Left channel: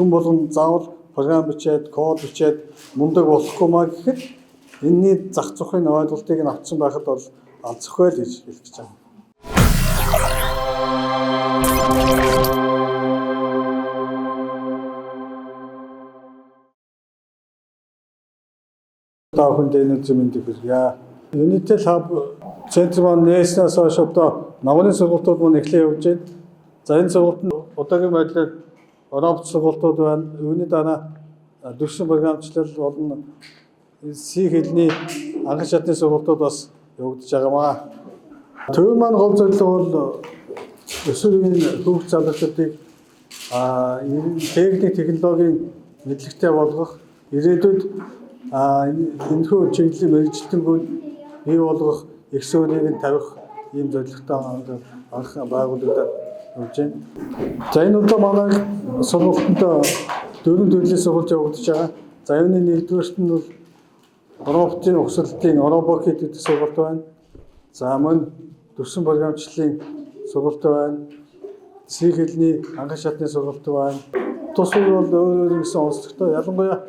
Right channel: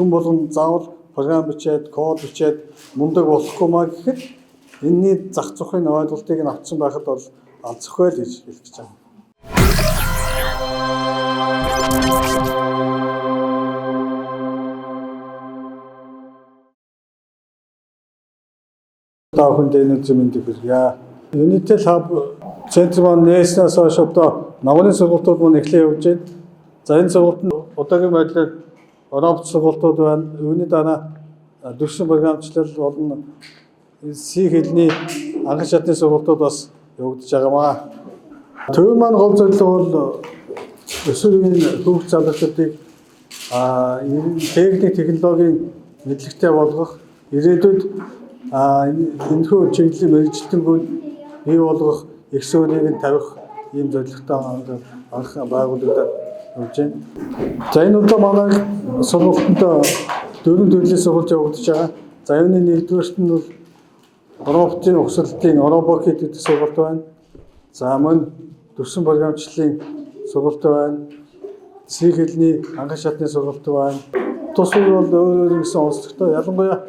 хүн болгон заавал програм бичээд, код бичээд мундаг болохгүй маа гэхэд энэний зах зохын ойлголтыг нь авсан байхад бол алзахгүй л гэж хэлж байгаа. Таахын дэйнүүд зэмэндийг хүргье. Unitel Hub центр маань нээснээс хойш одоо нагрын сургалтууд маань эхлэн явж байна. За энэ сургалтанд удаагийн байдлаар Европ сургалтууд байна. Үүний дараа төвшин програмчлал болон C хэлний анхан шатны сургалтууд бас явагдаж байгаамаа. Төв маань гол зорилго бол өсвөрийн хүүхд залуучуудыг техник технологийн мэдлэгтэй болгох, ирээдүйд энэхүү чиглэлийн мэргэжилтэнгүүд бий болгох, их сургуулийг нь тавих ийм зорилготой анх байгуулагдаад явж байна. За энэ удаа манай сургалтанд 4 төрлийн сургалт явагдаж байгаа. За юуны нэгдүгээрт нь бол роботын угсралтын робокит гэдэг сургалт байна. За мөн төвшин програмчлалын сургалт байна. C хэлний анхан шатны сургалт байна. Тус бол өөр гэсэн онцлогтой. Ялангуяа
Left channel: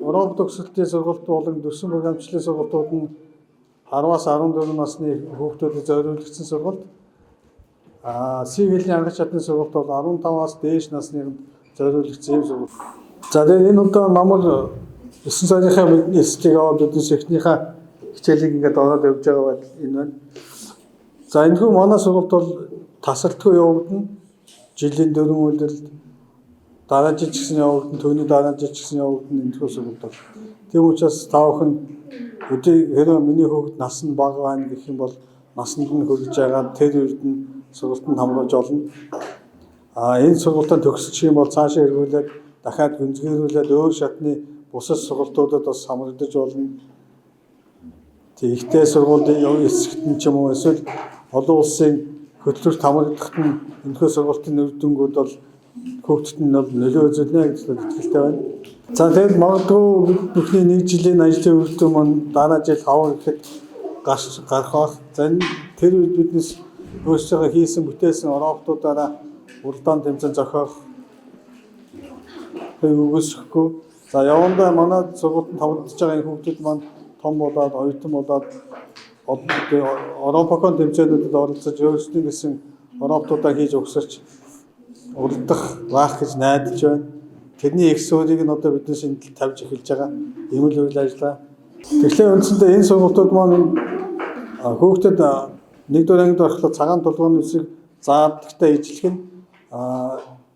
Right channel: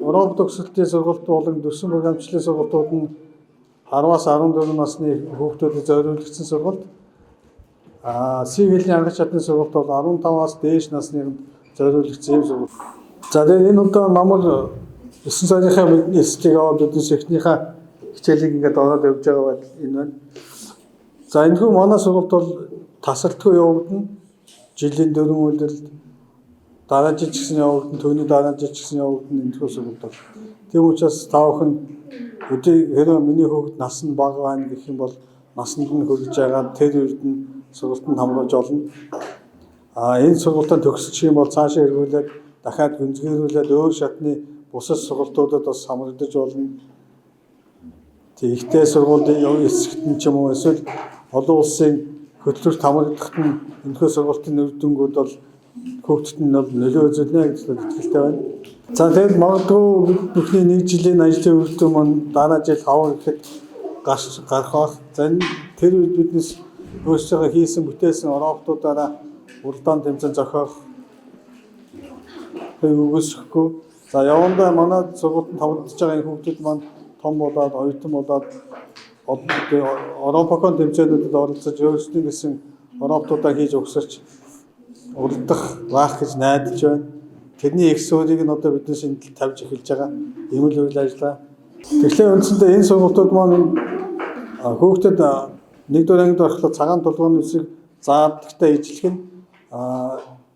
робот угсралтын сургалт болон төвшин програмчлалын сургалтууд нь 10-аас 14 насны хүүхдүүдэд зориулагдсан сургалт. C хэлний анхан шатны сургалт бол 15-аас дээш насны зориулагдсан юм сургалт. За тэгээд энэ удаа намайг 9 сарынхаа бидний эсэлтийг аваад биднээс эхнийхээ хичээлийг ингээд ороод явж байгаа байдал энэ байна. За энэхүү манай сургалт бол тасралтгүй явагдана. Жилийн 4 үйлдэл дараа жил ч гэсэн явагдана, түүний дараа жил ч гэсэн явагдана энэхүү сургалт бол. Тийм учраас та бүхэн хэрэв миний хүүхэд нас нь бага байна гэх юм бол насанд нь хүрэж байгаа тэр үед нь сургалтанд хамруулж олно. Энэ сургалтаа төгсчих юм бол цаашаа эргүүлээд дахиад гүнзгийрүүлээд өөр шатны бусад сургалтуудад бас хамрагдаж болно. Ихтэй сургуулийн эсрэхт нь ч юм уу эсвэл олон улсын хөтөлбөрт хамрагдахт нь энэхүү сургалтын үр дүнгууд бол хүүхдэд нь бол нөлөө үзүүлнэ гэж итгэлтэй байна. За тэгээд магадгүй бүхний 1 жилийн ажлын үр дүн маань дараа жил хавар гэхэд гарах байх. За тэр үед биднес өөрсдөө хийсэн бүтээсэн роботуудаараа уралдаан тэмцээн зохиох үгүйсэхгүй. За явандаа манай сургуультанд хамрагдаж байгаа энэ хүүхдүүд маань том болоод, оюутан болоод Европын тэмцээнүүдэд оролцож өөрсдөө гэсэн роботуудаа хийж өгсөрч уралдах байх гэж найдаж байна. Тэрний их сургуулийг нь одоо биднээс энэ тавьж эхэлж байгаа. Ийм л үйл ажиллагаа. Тэгэхээр үндсэндээ энэ сургуулиуд маань хүүхдэд 1-р ангид орохлоо цагаан тулгуур үсэг заадагтай ижлэх нь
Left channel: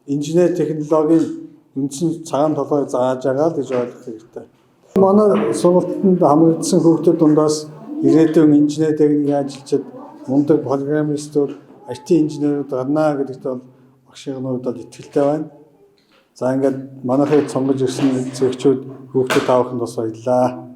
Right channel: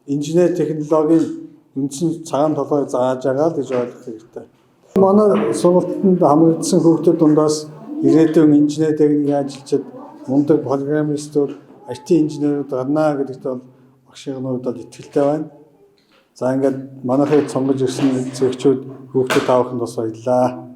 инженер технологийн үндсэн цагаан толгойг зааж байгаа л гэж ойлгох хэрэгтэй. Манай сургалтанд хамрагдсан хүүхдүүд дундаас ирээдүйн инженер техникийн ажилчид, мундаг программистууд, IT инженерүүд гарнаа гэдэгт бол багшийнхнууд бол итгэлтэй байна. За ингээд манайхыг сонгож ирсэн зэрэгчүүд хүүхдүүд тааваханд бас баярлалаа.